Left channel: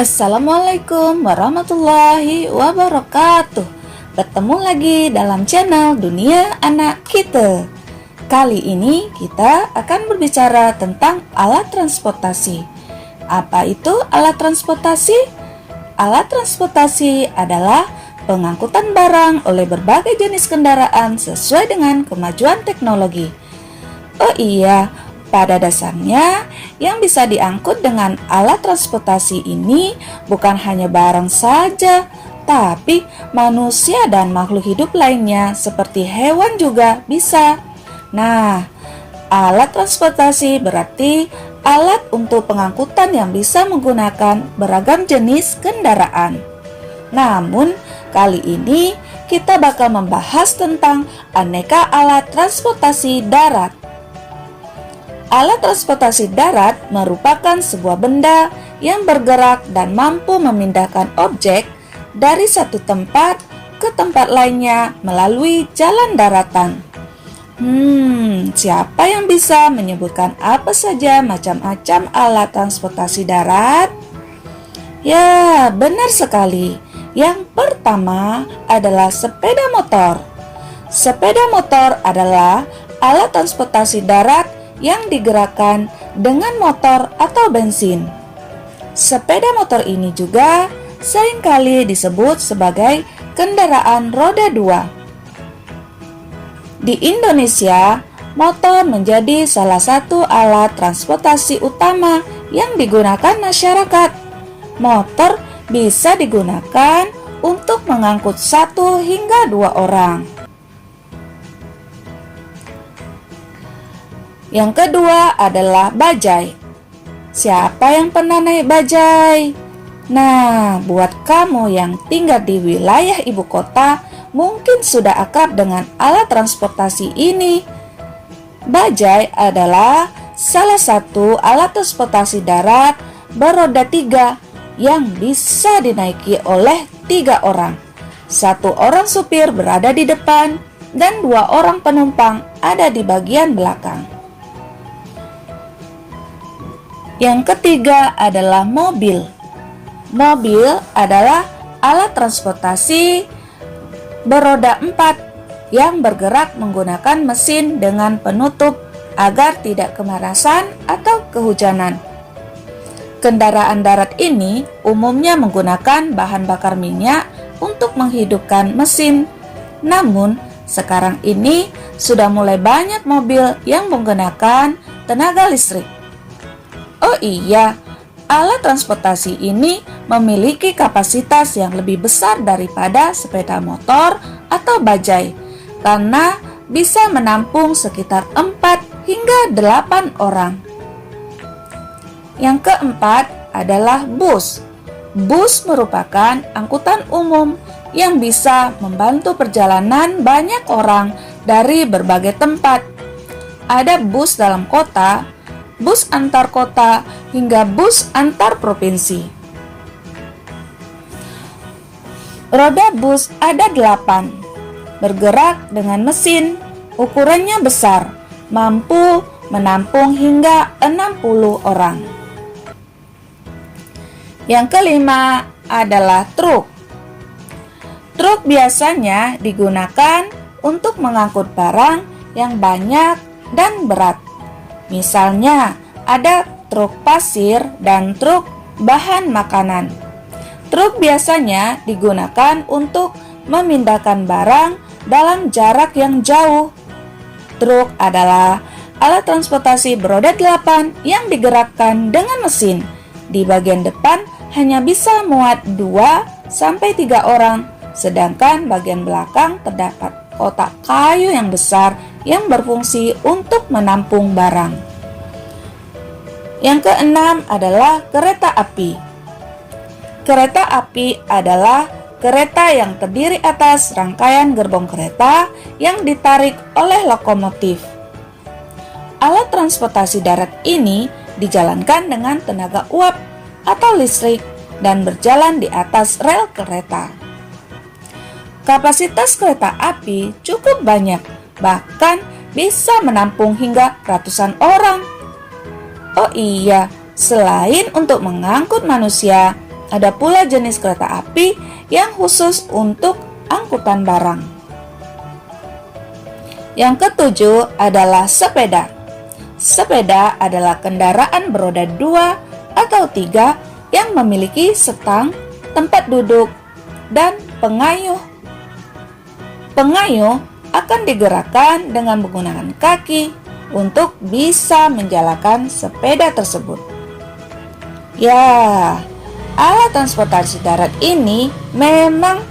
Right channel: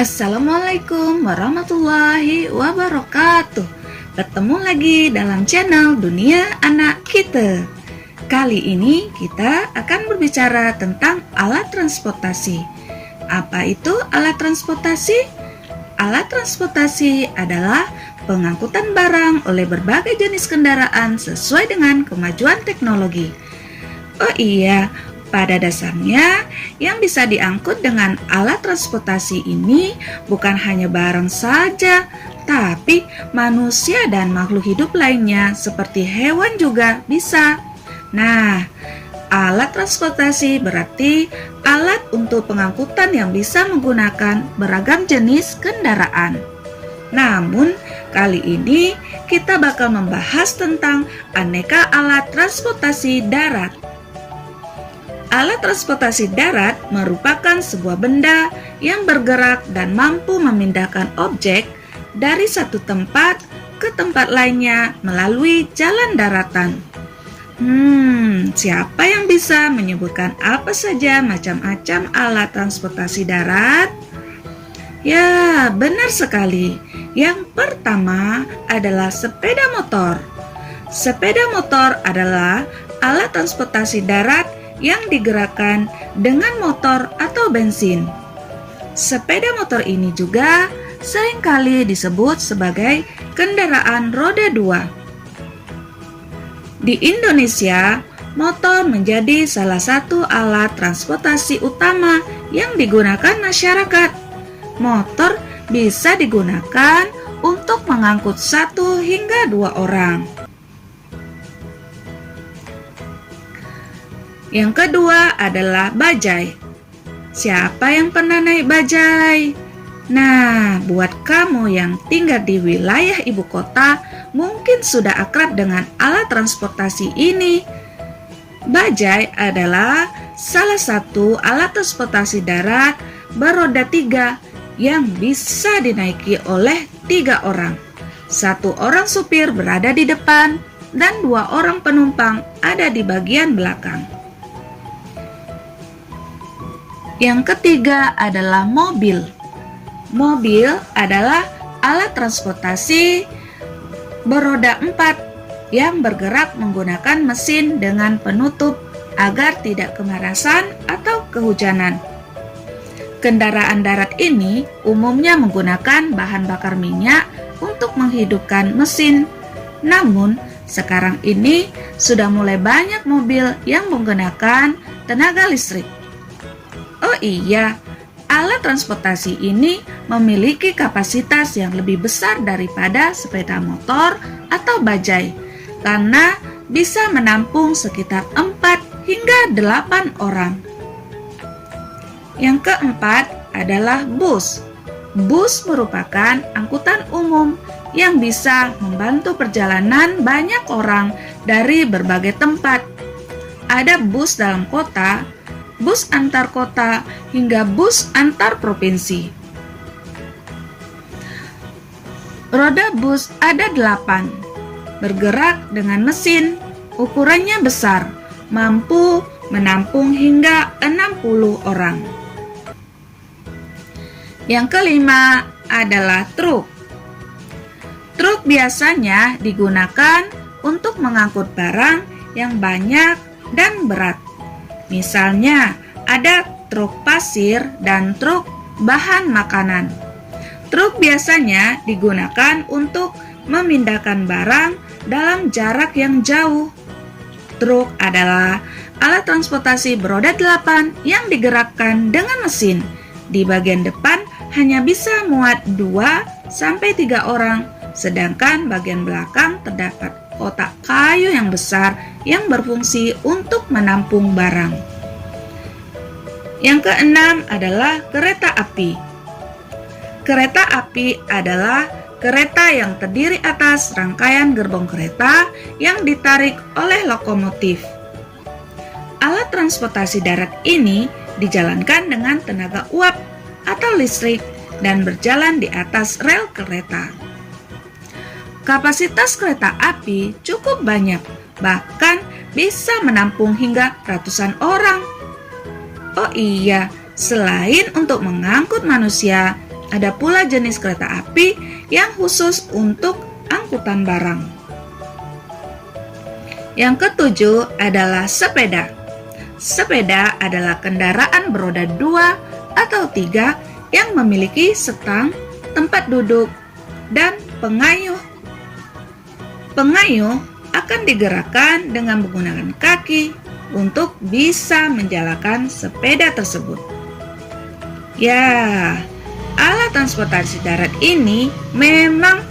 Assalamualaikum warahmatullahi wabarakatuh. Bertemu lagi dalam channel Dunia Anak Kita. Kali ini kita akan berbicara tentang alat transportasi. Apa itu alat transportasi? Alat transportasi adalah pengangkutan barang oleh berbagai jenis kendaraan sesuai dengan kemajuan teknologi. Oh iya, pada dasarnya, yang bisa diangkut dengan alat transportasi ini bukan hanya barang saja, tapi manusia dan makhluk hidup lainnya seperti hewan juga bisa. Nah, alat transportasi berarti alat untuk pengangkutan yang bisa menggunakan beragam jenis kendaraan. Namun, kali ini kita bakal membahas tentang aneka alat transportasi darat. Alat transportasi darat merupakan sebuah benda yang bergerak dan mampu memindahkan objek dari satu tempat ke tempat lainnya melalui jalan daratan. Siapa yang bisa menyebutkan apa saja macam-macam alat transportasi darat? Ya, benar sekali. Yang pertama adalah sepeda motor. Sepeda motor adalah alat transportasi darat yang digerakkan dengan motor atau bensin. Sepeda motor ini juga seringkali disebut sebagai kendaraan roda dua. Di Indonesia, motor menjadi salah satu alat transportasi utama yang digunakan masyarakat. Motor bisa digunakan untuk mengangkut 1 hingga 2 orang. Yang kedua adalah bajai. Siapa yang pernah naik bajai? Nah, buat kamu yang tinggal di wilayah ibu kota, mungkin sudah akrab dengan alat transportasi ini. Bajai adalah salah satu alat transportasi darat beroda 3 yang bisa dinaiki oleh 3 orang. 1 orang supir berada di depan dan 2 orang penumpang ada di bagian belakang. Yang ketiga adalah mobil. Mobil adalah alat transportasi beroda 4 yang bergerak menggunakan mesin dengan penutup agar tidak kemarasan atau kehujanan. Kendaraan darat ini umumnya menggunakan bahan bakar minyak untuk menghidupkan mesin. Namun, sekarang ini sudah mulai banyak mobil yang menggunakan tenaga listrik. Oh iya, alat transportasi ini memiliki kapasitas yang lebih besar daripada sepeda motor atau bajai karena bisa menampung sekitar 4 hingga 8 orang. Yang keempat adalah bus. Bus merupakan angkutan umum yang bisa membantu perjalanan banyak orang dari berbagai tempat. Ada bus dalam kota, bus antar kota, hingga bus antar provinsi. Roda bus ada 8, bergerak dengan mesin, ukurannya besar, mampu menampung hingga 60 orang. Yang kelima adalah truk. Truk biasanya digunakan untuk mengangkut barang yang banyak dan berat. Misalnya, ada truk pasir dan truk bahan makanan. Truk biasanya digunakan untuk memindahkan barang dalam jarak yang jauh. Truk adalah alat transportasi beroda 8 yang digerakkan dengan mesin. Di bagian depan hanya bisa muat 2-3 orang, sedangkan bagian belakang terdapat kotak kayu yang besar yang berfungsi untuk menampung barang. Yang keenam adalah kereta api. Kereta api adalah kereta yang terdiri atas rangkaian gerbong kereta yang ditarik oleh lokomotif. Alat transportasi darat ini dijalankan dengan tenaga uap atau listrik dan berjalan di atas rel kereta. Kapasitas kereta api cukup banyak, bahkan bisa menampung hingga ratusan orang. Oh iya, selain untuk mengangkut manusia, Ada pula jenis kereta api yang khusus untuk angkutan barang. Yang ketujuh adalah sepeda. Sepeda adalah kendaraan beroda 2 atau 3 yang memiliki setang, tempat duduk, dan pengayuh. Pengayuh akan digerakkan dengan menggunakan kaki untuk bisa menjalankan sepeda tersebut. Ya, alat transportasi darat ini memang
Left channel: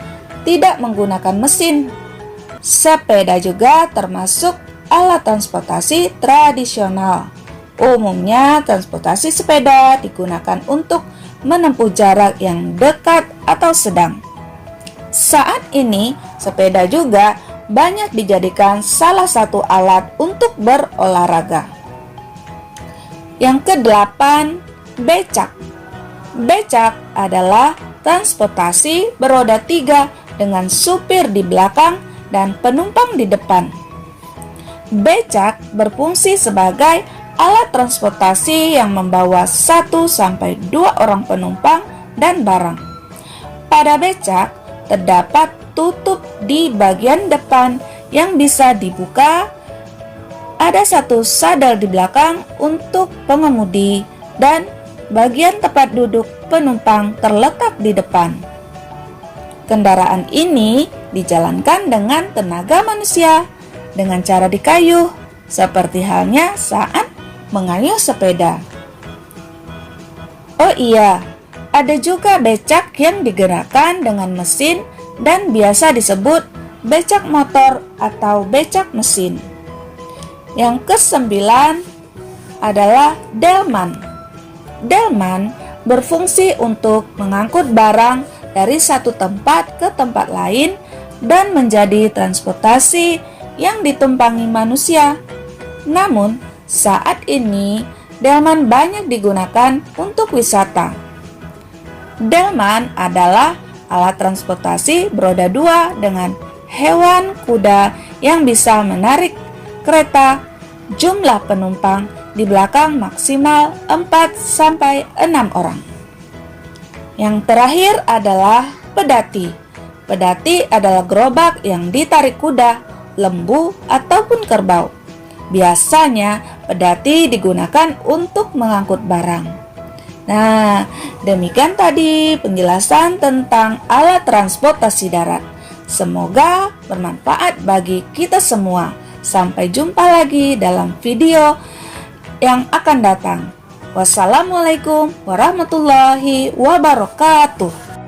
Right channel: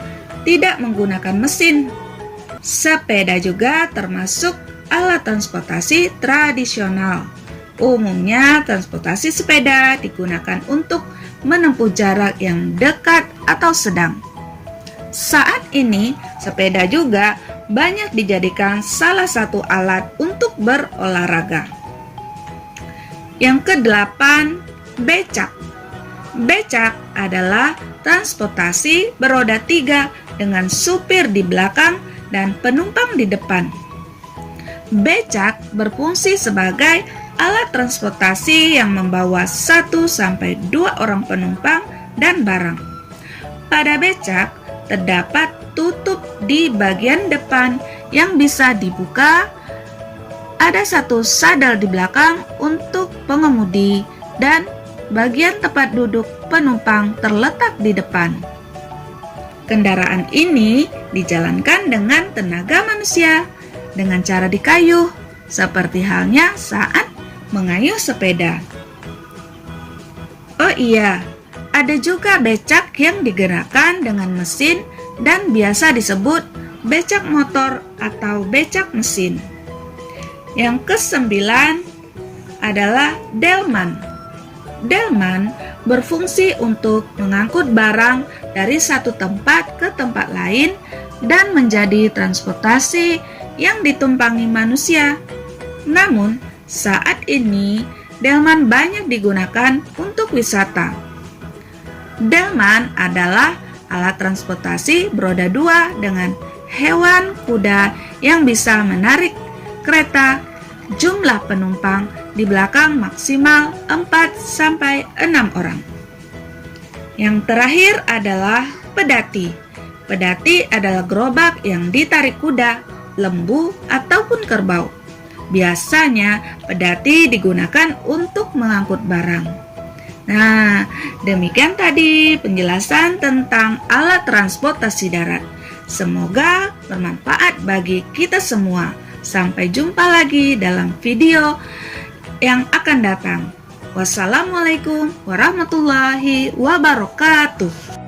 tidak menggunakan mesin. Sepeda juga termasuk alat transportasi tradisional. Umumnya, transportasi sepeda digunakan untuk menempuh jarak yang dekat atau sedang. Saat ini, sepeda juga banyak dijadikan salah satu alat untuk berolahraga. Yang kedelapan, becak. Becak adalah transportasi beroda 3 dengan supir di belakang dan penumpang di depan. Becak berfungsi sebagai alat transportasi yang membawa 1-2 orang penumpang dan barang. Pada becak terdapat tutup di bagian depan yang bisa dibuka. Ada satu sadel di belakang untuk pengemudi dan bagian tempat duduk penumpang terletak di depan. Kendaraan ini dijalankan dengan tenaga manusia dengan cara dikayuh, seperti halnya saat mengayuh sepeda. Oh iya, ada juga becak yang digerakkan dengan mesin dan biasa disebut becak motor atau becak mesin. Yang kesembilan adalah delman. Delman berfungsi untuk mengangkut barang dari satu tempat ke tempat lain dan menjadi transportasi yang ditumpangi manusia. Namun, saat ini delman banyak digunakan untuk wisata. Delman adalah alat transportasi beroda 2 dengan hewan kuda yang bisa menarik kereta. Jumlah penumpang di belakang maksimal 4-6 orang. Yang terakhir adalah pedati. Pedati adalah gerobak yang ditarik kuda, lembu, ataupun kerbau. Biasanya pedati digunakan untuk mengangkut barang. Nah, demikian tadi penjelasan tentang alat transportasi darat. Semoga bermanfaat bagi kita semua. Sampai jumpa lagi dalam video yang akan datang. Wassalamualaikum warahmatullahi wabarakatuh.